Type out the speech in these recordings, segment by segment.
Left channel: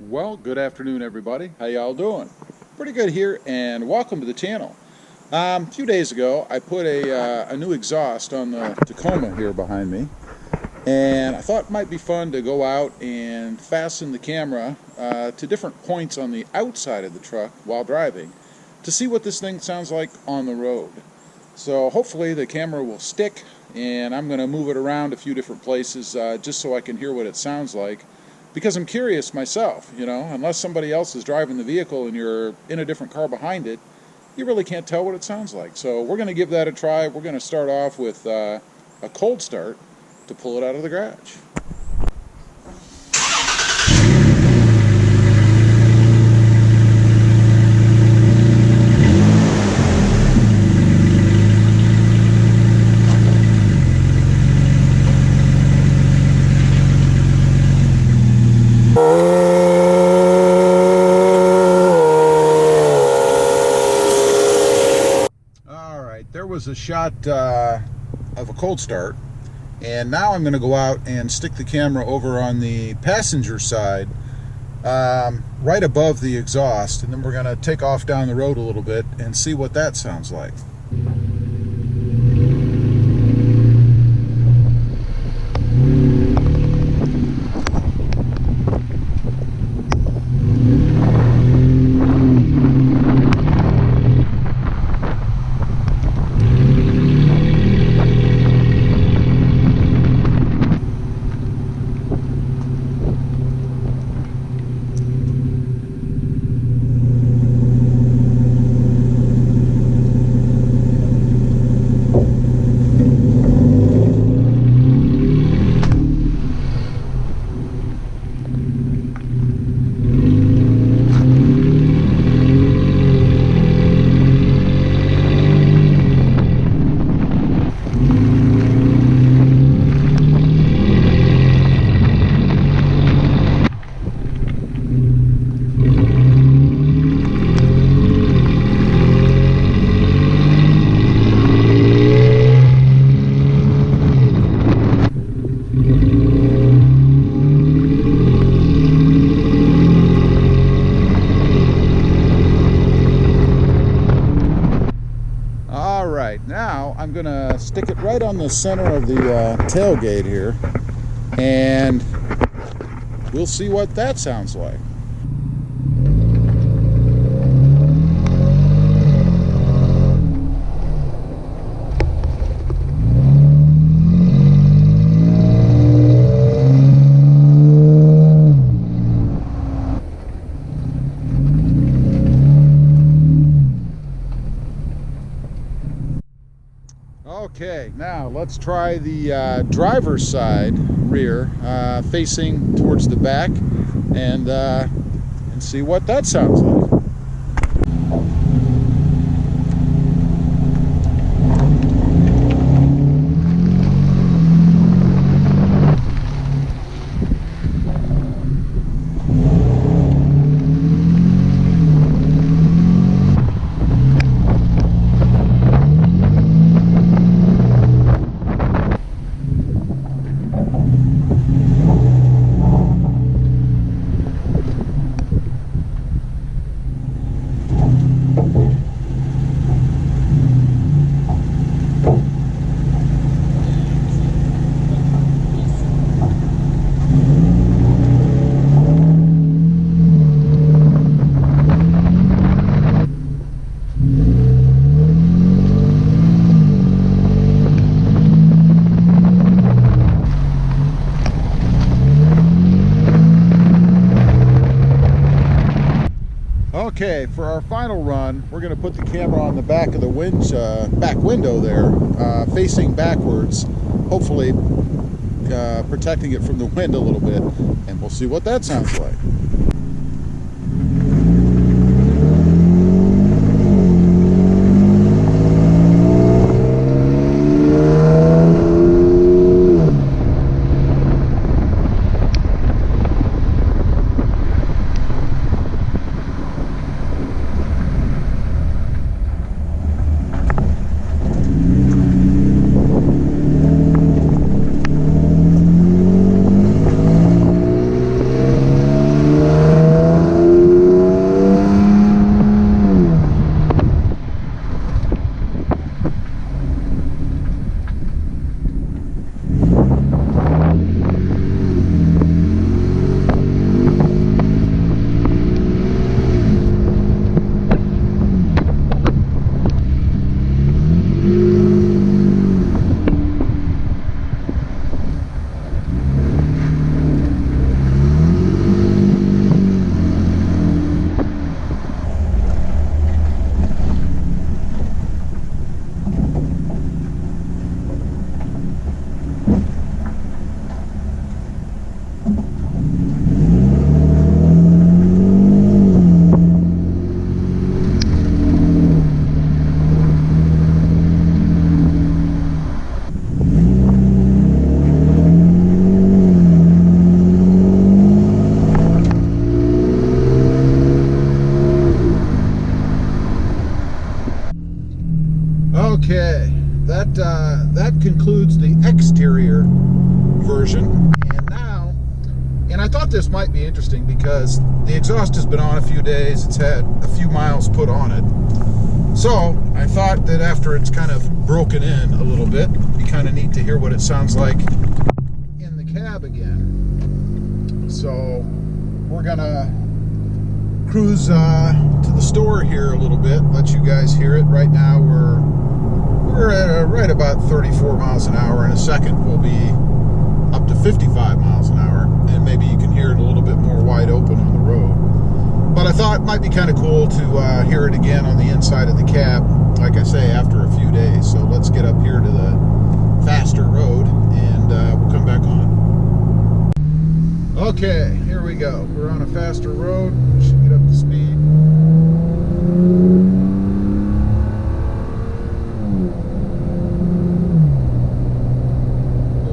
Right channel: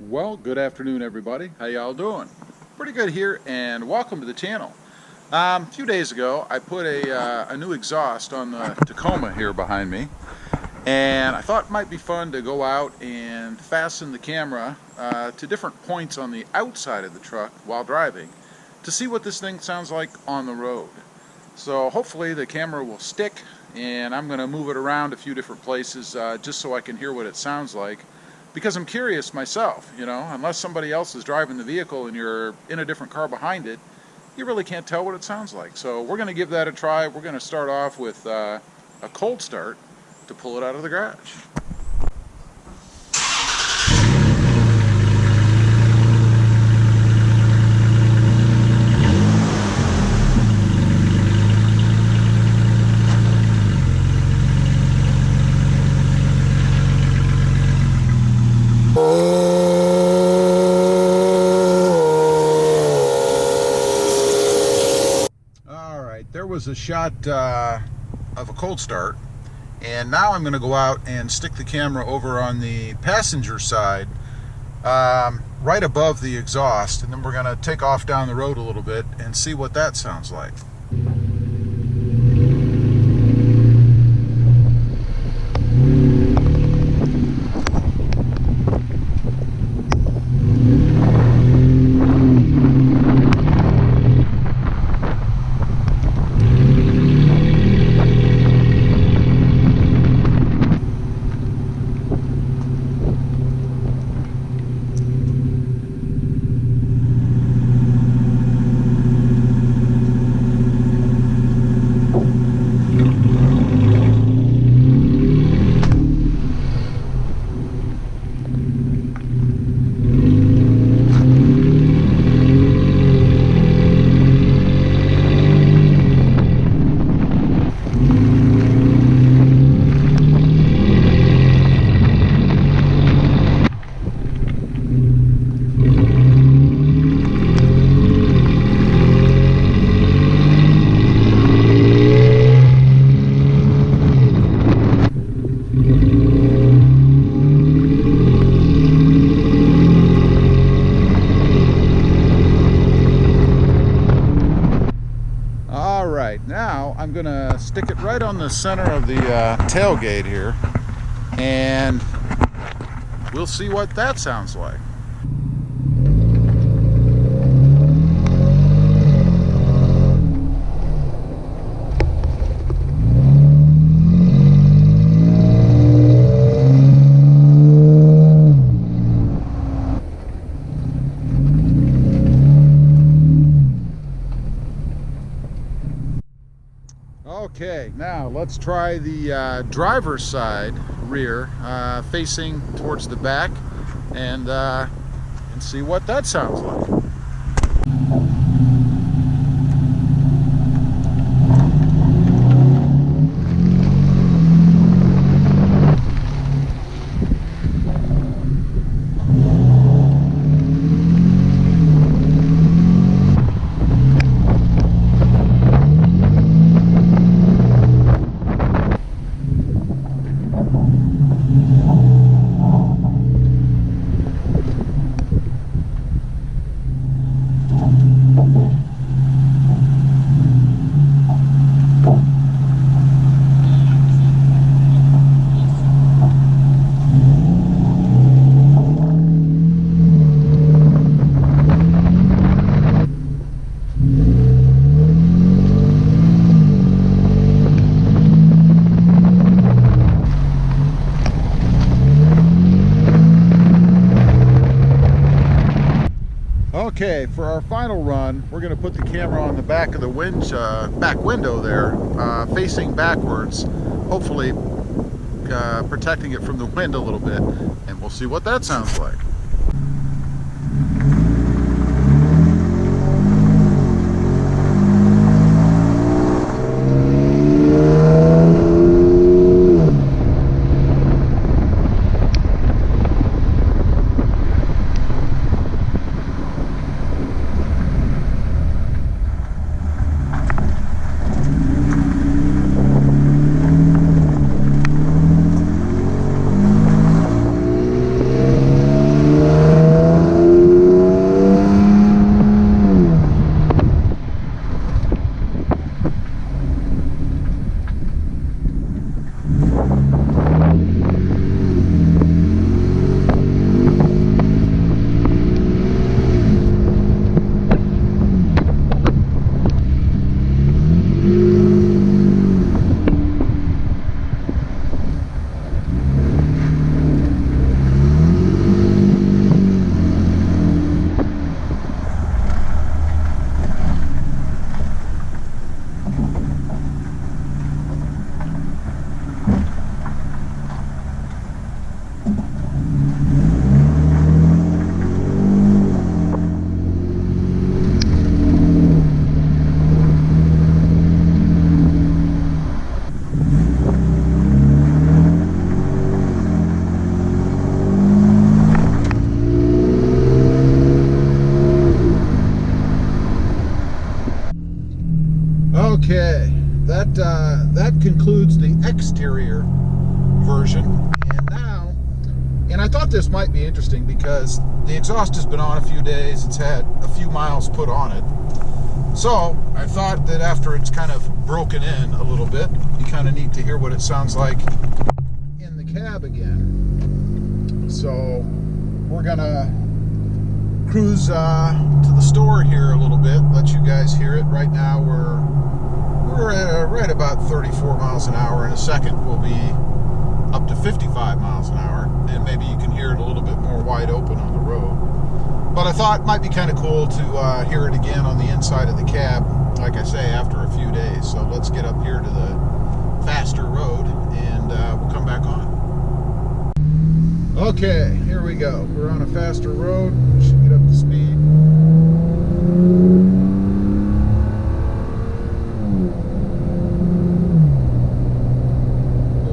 Well, good afternoon, everybody. How y'all doing? Pretty good here, and welcome to the channel. A few days ago, I put a new exhaust on the Tacoma here behind me, and I thought it might be fun to go out and fasten the camera to different points on the outside of the truck while driving to see what this thing sounds like on the road. So hopefully the camera will stick, and I'm going to move it around a few different places just so I can hear what it sounds like. Because I'm curious myself, you know, unless somebody else is driving the vehicle and you're in a different car behind it, you really can't tell what it sounds like. So we're going to give that a try. We're going to start off with a cold start to pull it out of the garage. There was a shot of a cold start, and now I'm going to go out and stick the camera over on the passenger side right above the exhaust, and then we're going to take off down the road a little bit and see what that sounds like. Now I'm going to stick it right on the center of the tailgate here, and we'll see what that sounds like. Okay, now let's try the driver's side rear facing towards the back, and see what that sounds like. Okay, for our final run, we're going to put the camera on the back of the back window there, facing backwards, hopefully protecting it from the wind a little bit, and we'll see what that sounds like. version. And I thought this might be interesting because the exhaust has been on a few days. It's had a few miles put on it. So I thought that after it's kind of broken in a little bit, it'd be kind of neat to hear what it sounds like in the cab again. So we're gonna cruise to the store here a little bit, let you guys hear it. Right now we're at right about 34 miles an hour. In a second we'll be up to 55 miles an hour, and maybe you can hear it a little bit more wide open on the road. But I thought it might be kind of cool to hear it again on the inside of the cab, like I say, after a few days. So let's get up here to the faster road, and we'll come back on. Okay, here we go. We're on a faster road. We should get up to speed.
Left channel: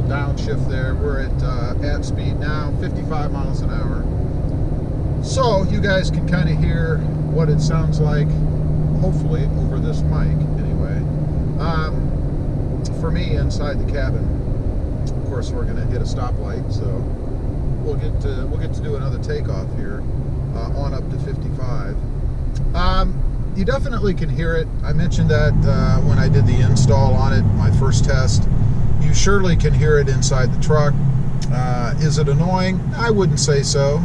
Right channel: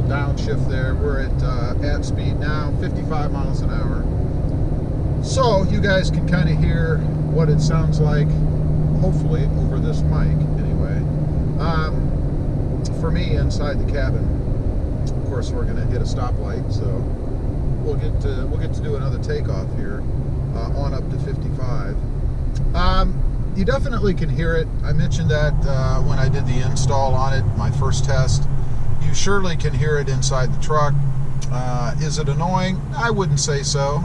Downshift there. We're at speed now, 55 miles an hour. So you guys can kind of hear what it sounds like, hopefully over this mic anyway. For me, inside the cabin, of course, we're going to hit a stoplight, so we'll get to do another takeoff here on up to 55. You definitely can hear it. I mentioned that when I did the install on it, my first test. You surely can hear it inside the truck. Is it annoying? I wouldn't say so,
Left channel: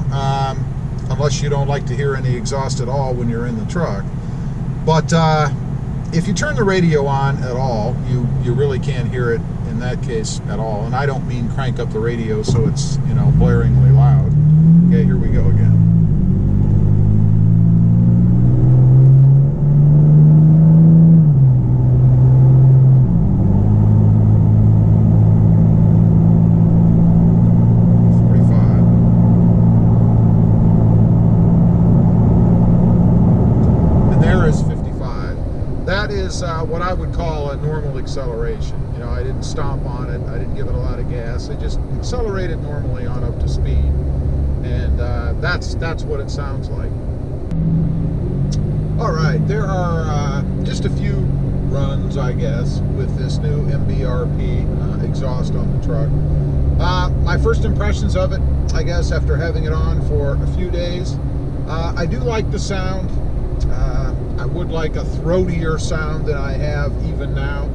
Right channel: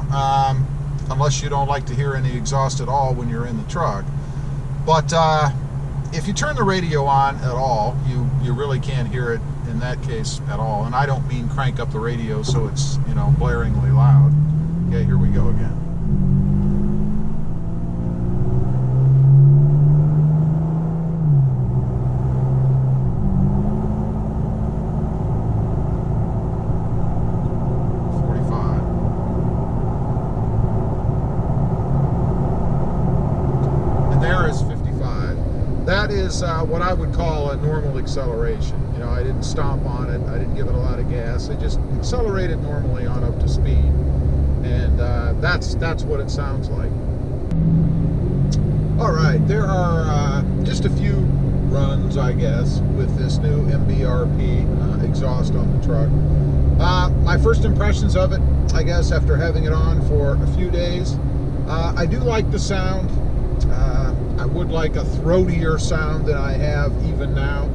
unless you don't like to hear any exhaust at all when you're in the truck. But if you turn the radio on at all, you really can't hear it in that case at all. And I don't mean crank up the radio so it's, you know, blaringly loud. Okay, here we go again. That is what I would call a normal acceleration. You know, I didn't stomp on it. I didn't give it a lot of gas. I just accelerated normally on up to speed, and that's what it sounds like. All right, there are just a few runs, I guess, with this new MBRP exhaust on the truck. My first impressions of it, I guess, after having it on for a few days, I do like the sound. I would like a throatier sound than I have even now.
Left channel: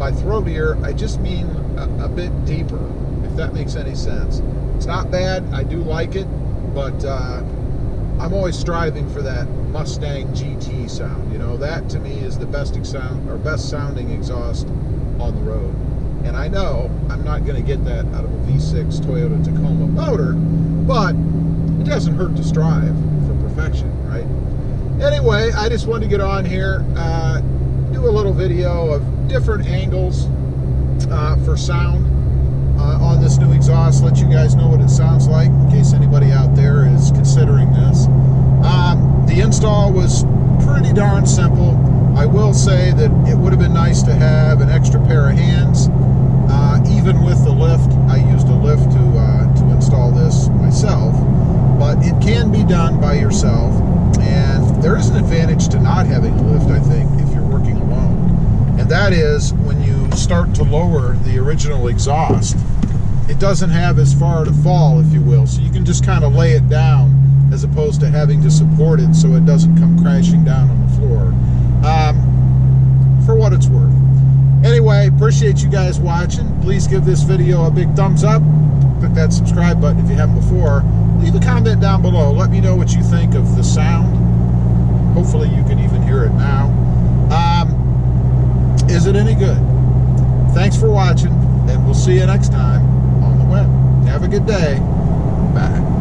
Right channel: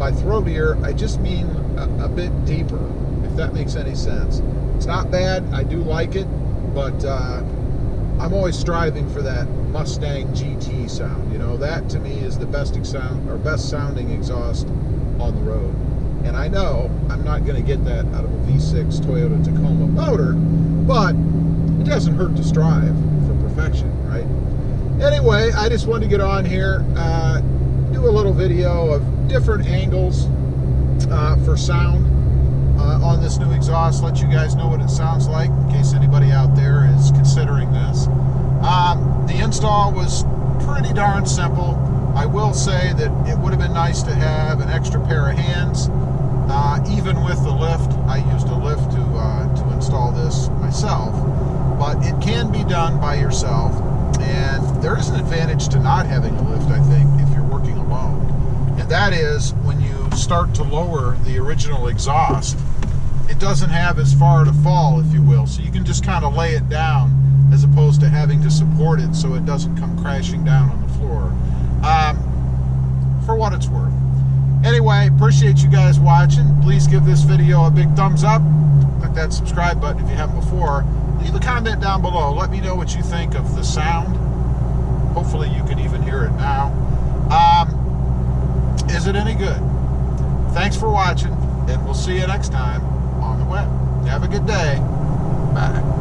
By throatier, I just mean a bit deeper, if that makes any sense. It's not bad, I do like it, but I'm always striving for that Mustang GT sound. You know, that to me is the best sounding exhaust on the road. And I know I'm not going to get that out of a V6 Toyota Tacoma motor, but it doesn't hurt to strive for perfection, right? Anyway, I just wanted to get on here, do a little video of different angles for sound on this new exhaust, let you guys know what it sounds like in case anybody out there is considering this. The install was pretty darn simple. I will say that it would have been nice to have an extra pair of hands, even with the lift. I used a lift to install this myself, but it can be done by yourself. And there is an advantage to not having a lift, I think, if you're working alone. And that is when you start to lower the original exhaust, it doesn't have as far to fall, if you will. So you can just kind of lay it down as opposed to having to support it so it doesn't come crashing down on the floor. For what it's worth. Anyway, appreciate you guys watching. Please give this video a big thumbs up. Click that subscribe button if you haven't before. Leave a comment down below. Let me know what you think of the sound. Hopefully you can even hear it now. Is it any good? Thanks for watching, and we'll see you next time on the web. Have a good day. Bye.